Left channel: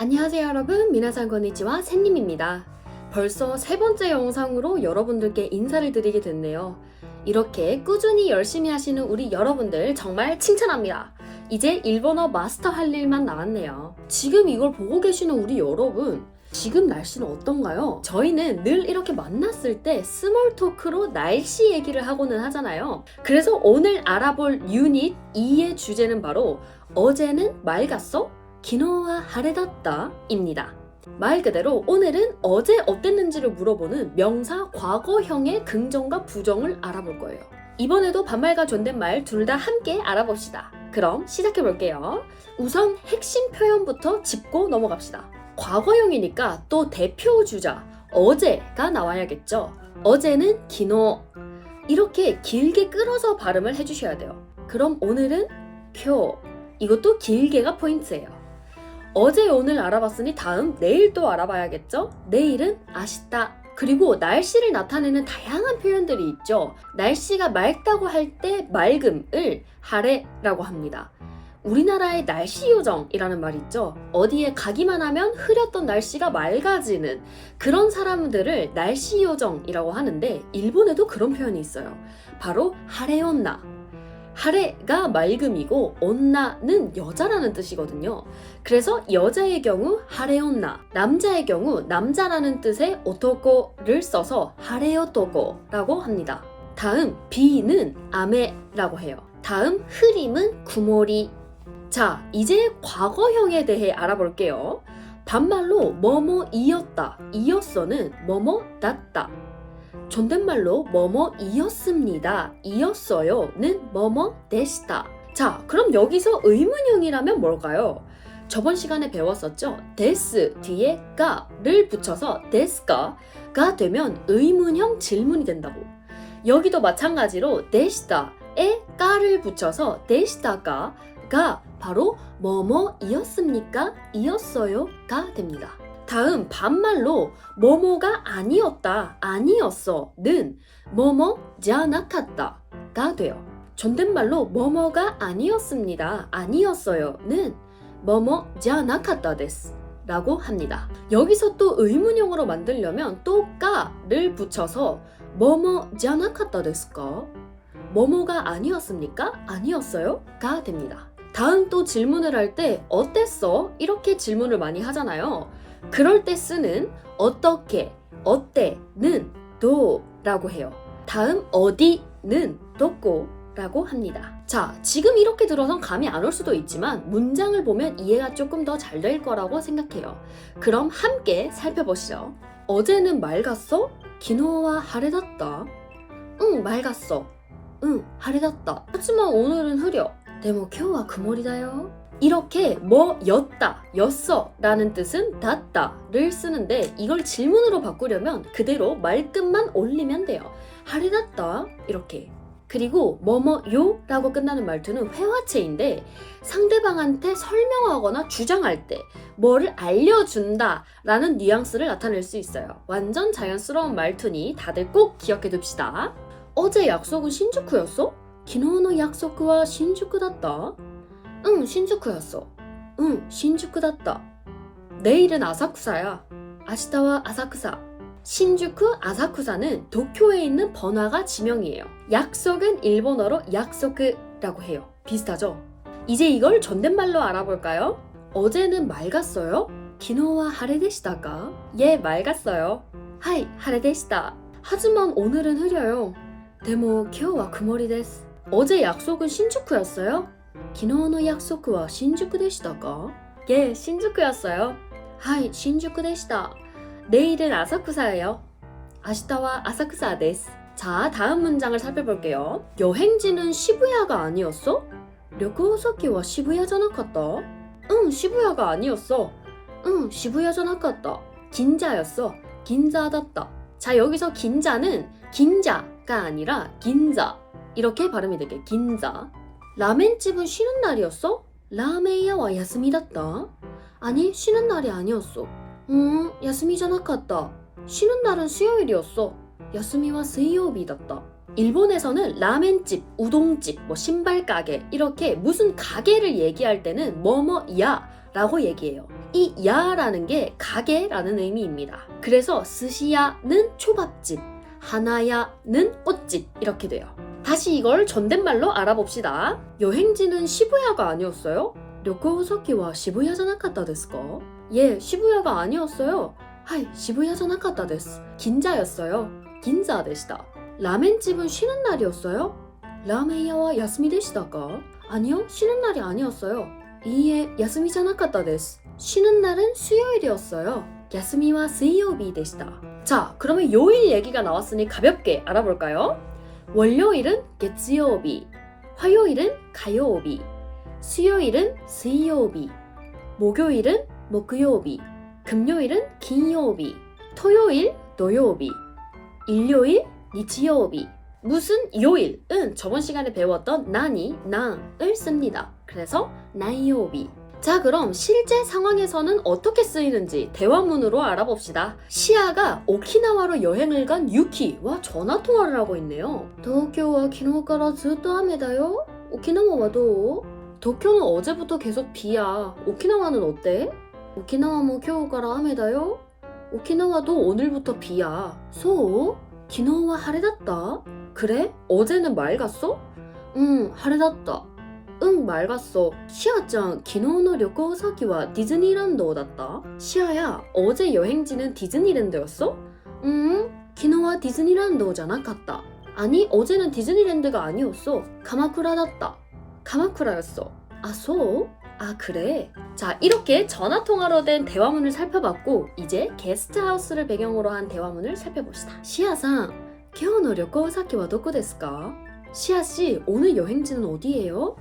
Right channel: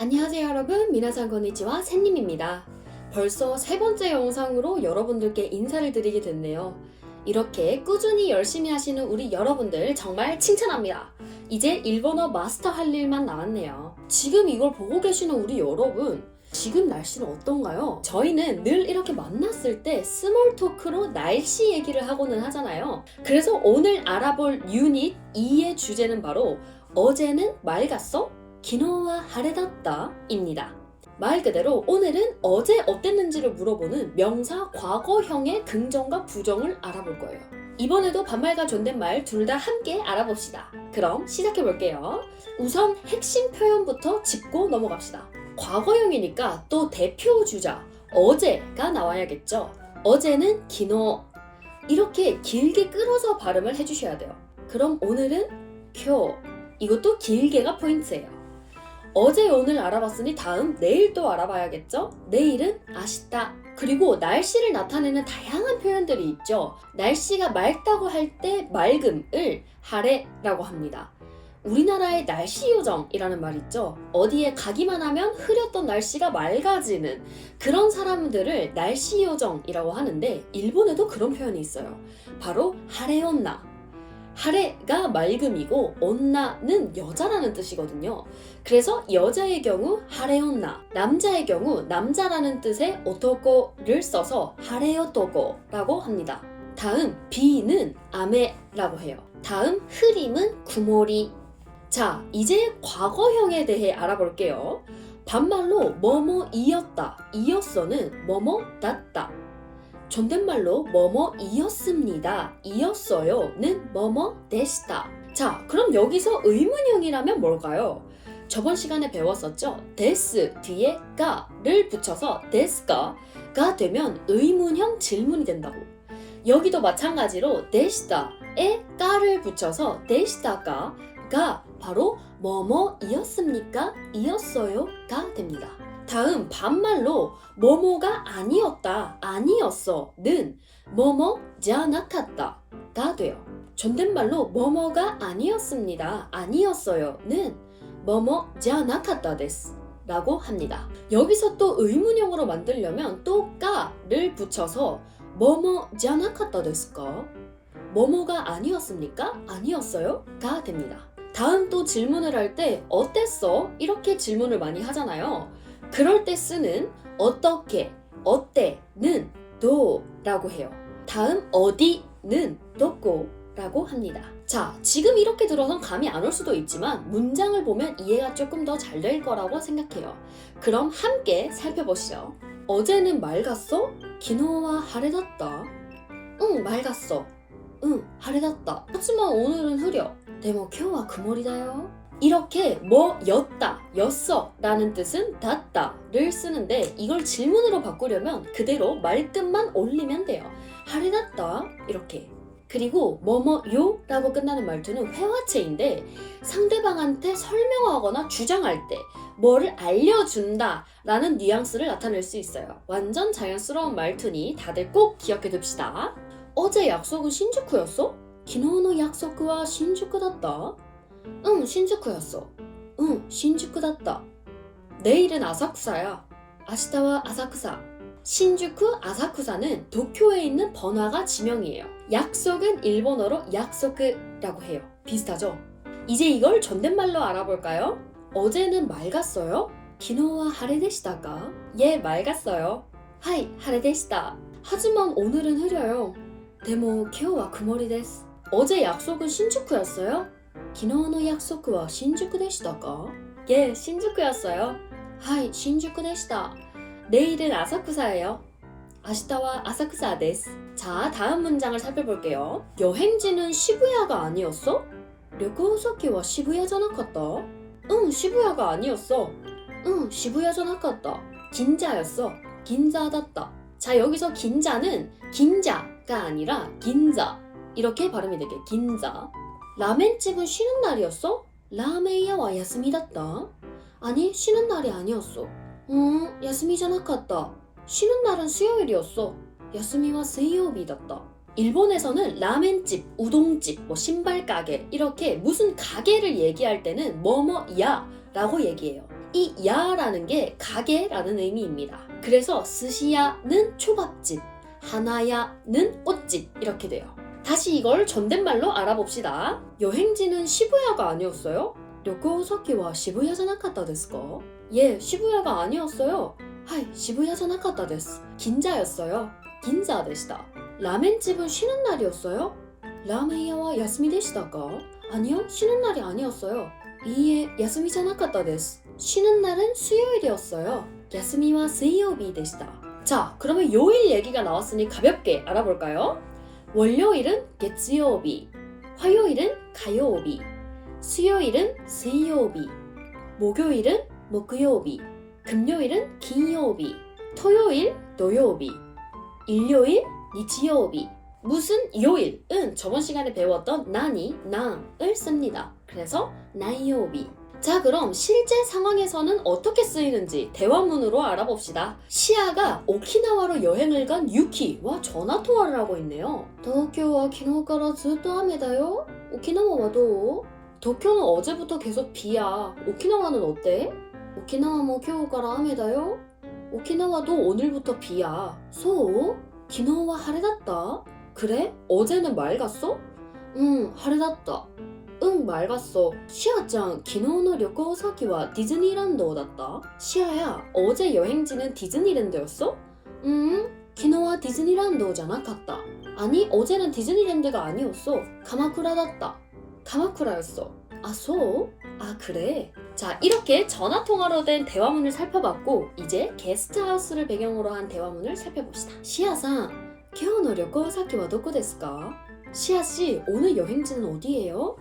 안녕하세요 여러분 미나상 건니치와 샌님입니다. 벌써 세 번째 영상으로 여러분들께 인사를 드리게 됐네요. 이렇게 꾸준히 열심히 하시는 우리 여러분들 정말 칭찬합니다. 이제 일본어 마스터 할 일만 남았네요. 지금 이걸 보고 계시는 우리 여러분 지금 날씨는 어떤가요? 저희는 늘 이렇게 만났을 때 스몰 토크로 날씨 얘기를 하고는 하잖아요. 그래서 오늘 알아볼 유닛 2의 주제는 바로 어제는 맑았어? 기노와 하레다다 입니다. 말 그대로 오늘은 어제 어땠는지를 물어보는 명사 과거형의 긍정과 부정을 알아볼 거예요. 이번에도 반말과 존댓말 둘 다 함께 알아봅시다. 그럼 시작해 볼게요. 우선 핵심 표현부터 짚고 넘어갑시다. 과거형이니까 또 대표 주자 어제가 나와야겠죠. 어제는 기노 이렇게 길게 끌어서 발음을 해주셔야 돼요. 그럼 오늘은 표 이것도 길게가 포인트예요. 어제 오늘 알아봤으니 다음 내일 또 알아봐야겠죠? 내일은 아시다. 그리고 날씨를 나타내는 다양한 표현들이 있죠. 날씨가 맑다고 할 때 맑음을 하래라고 합니다. 우리나라의 날씨 요정이라는 말 있죠. 어디에 가기만 하면 흐렸던 날씨가 맑아지는 그런 사람들을 날씨 요정이라고 하는데 일본에도 그런 표현이 있어요. 바로 하레온나. 하레가 맑음이고 온나는 여자라는 뜻이거든요. 그래서 여자의 경우 하레온나, 남자의 경우 남자라는 뜻의 오토코를 써서 하레오토코라고 합니다. 다음 비는 아메라고 해요. 다음 흐림은 구모리. 자, 이제 과거형에 대해 알아볼게요. 반말로 뭐뭐 이었다, 이었어는 뭐뭐 났다. 존댓말로 뭐뭐 이었습니다, 이었어요는 뭐뭐 되시다. 자, 그럼 여기서 의문형이라면 뭘까요? 저번 시간에 배웠었죠? 데스 뒤에 가를 붙여서 데스가가 되면 의문형 질문이 된다고. 여기도 마찬가지로 데시다에 가를 붙여서 데시다가가 바로 뭐뭐이었습니까? 이었어요가 됩니다. 다음 반말로 뭐뭐가 아니었다, 아니었어는 뭐뭐자나갔다가 돼요. 존댓말로 뭐뭐가 아니었습니다, 아니었어요는 뭐뭐자나갔다 데스 라고 합니다. 여기서 또 의문형으로 만들려면 또 까를 붙여서 뭐뭐자나갔다 데스까? 뭐뭐가 아니었습니까? 아니었어요? 가 됩니다. 다음 또 질문을 할 때 어땠어? 이렇게 질문을 많이 하잖아요. 그럴 때 쓰는 어떻게, 어때는 도라고 해요. 다음 어디는 도꼬라고 합니다. 자, 지금 이렇게 들어선 감이 안 올 수도 있지만 문장을 보면 이해가 조금 더 잘 될 거라고 생각해요. 그럼 함께 살펴보시죠. 어제는 맑았어? 기노와 하레das다. 응, 맑았어. 응, 하레das다. 하지만 오늘은 흐려. 데모 쿄와 그머리다요. 이렇게 뭐 였다, 였어 라는 뜻은 닿다를 쓰는데 이걸 질문으로 바꾸려면 그대로 말끝만 올리면 돼요. 하레das다 이렇게 그리고 뭐뭐요 라고 끝나는 말투는 회화체인데 상대방한테 설명하거나 주장할 때 뭐를 알려준다 라는 뉘앙스를 나타낼 수 있어요. 완전 자연스러운 말투니 다들 꼭 기억해 둡시다. 어제 약속은 신주쿠였어? 기노의 약속과 신주쿠だった? 응, 신주쿠였어. 응, 신주쿠だった. 내일은 아사쿠사야. 아시다와 아사쿠사. 신주쿠 아사쿠사는 도쿄에 있는 번화가 지명이에요. 약속은 일본어로 약속이라고 해요. 비슷하죠? 이제 이걸 존댓말로 알아볼까요? 어제는 맑았어요? 기노와 하레데시다가? 예, 맑았어요. 하이, 하레데시다. 하지만 오늘은 흐려요. 데모 키오와 그머리 데스. 어제 약속은 신주쿠였어요? 데시다가? 예, 신주쿠였어요. 하이, 신주쿠 데시다. 내일은 아사쿠사예요. 아시다와 아사쿠사 데스. 자, 다음 문장을 살펴볼게요. 여행지는 시부야가 아니었어? 료코소키와 시부야잖아갔다. 응, 시부야가 아니었어. 응, 시부야잖아갔다. 긴자였어. 긴자다다. 자, 여기서 긴자는 긴자가 아니라 긴자. 이렇게 발음이 되게 긴자. 라멘집은 쉬는 날이었어? 라멘야 와 야스미다다. 아니, 쉬는 날이 아니었어. 음, 야스미잖아갔다. 쉬는 날은 수요일이었어. 야스미와 수요일이었다. 일본에서는 라멘집, 우동집, 뭐 신발 가게 이렇게 무슨 가게를 얘기할 때는 뭐뭐야 라고 얘기해요. 이 야라는 게 가게라는 의미입니다. 그래서 스시야는 초밥집, 하나야는 옷집 이렇게 돼요. 다시 이걸 존댓말로 알아봅시다. 여행지는 시부야가 아니었어요? 료코우사키와 시부야잖아갔다 데스까? 예, 시부야가 아니었어요. 하이, 시부야잖아갔다 데스. 긴자였어요. 긴자 데시다. 라멘집은 쉬는 날이었어요? 라멘야와 야스미 데시다가? 아니요, 쉬는 날이 아니었어요. 이에 야스미잖아갔다 데스. 쉬는 날은 수요일이었어요. 야스미와 수요일 데시다. 자, 그러면 요일 얘기가 나왔으니 가볍게 알아볼까요? 월요일은 개츠요비, 화요일은 가요비, 수요일은 수요비, 목요일은 목요비, 금요일은 긴요비, 토요일 노요비, 일요일 니치요비. 무슨 요일은 저번 시간에 배웠던 난이, 난을 씁니다. 그래서 난요비. 자, 그럼 실제 상황에서는 어떻게 쓰이는지 대화문으로 알아봅시다. 시아가 오키나와로 여행을 간 유키와 전화 통화를 하고 있네요. 도쿄와 기노가라 즈또합니다요. 오키나와 와도. 도쿄는 어제부터 계속 비야. 오키나와는 어때? 오키나와 뭐 겨우가라 합니다요. 오키나와도 오늘부터 비야. 소? 기노와 하레 닷다 그래? 어제는 맑았어? 응, 하레 닷다 응, 맑았어. 시아짱, 昨日の旅行先は 디즈니랜드だった? 시아야, 어제 여행지는 디즈니랜드였어? 응, 昨日は 디즈니랜드 じゃなかった. 아니, 어제는 디즈니랜드가 아니었어. 가마쿠라 だった. 가마쿠라였어. 아, 소? 아, 그래. 자, 이렇게 전화 통화로 된 대화문을 살펴봤고, 이제 게스트하우스를 배경으로 한 대화문을 살펴봅시다. 시아상, 今日の旅行先はどこですか? 시아 씨, 오늘 여행지는 어디예요?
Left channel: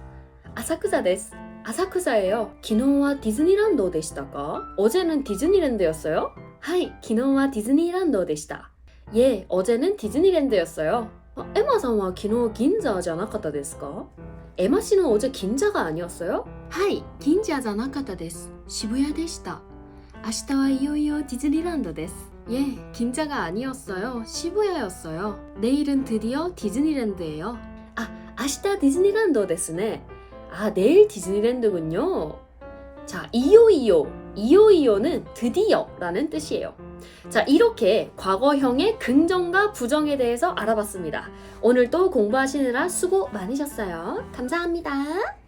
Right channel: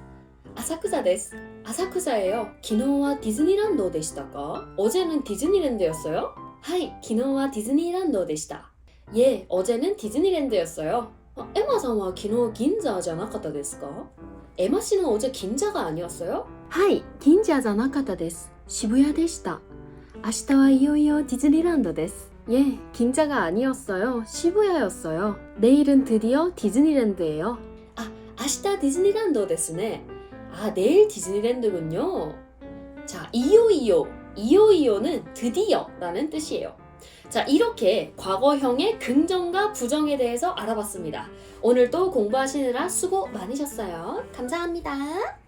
아사쿠사 です. 아사쿠사예요. 昨日は 디즈니랜드 でしたか? 어제는 디즈니랜드였어요? 하이, 昨日は 디즈니랜드 でした. 예, 어제는 디즈니랜드였어요. 아, 에마さんは昨日 긴자 じゃなかったですか? 에마 씨는 어제 긴자가 아니었어요? 하이, 긴자 じゃなかったです. 시부야 でした. 明日はいよいよ 디즈니랜드 です. 예, 긴자가 아니었어요. 시부야였어요. 내일은 드디어 디즈니랜드예요. 아, 아시다 디즈니랜드 ですね. 아, 내일 디즈니랜드군요. 자, 이요이요. 이요이요는 드디어 라는 뜻이에요. 자, 이렇게 과거형의 긍정과 부정에 대해서 알아봤습니다. 오늘도 공부하시느라 수고 많으셨어요. 감사합니다.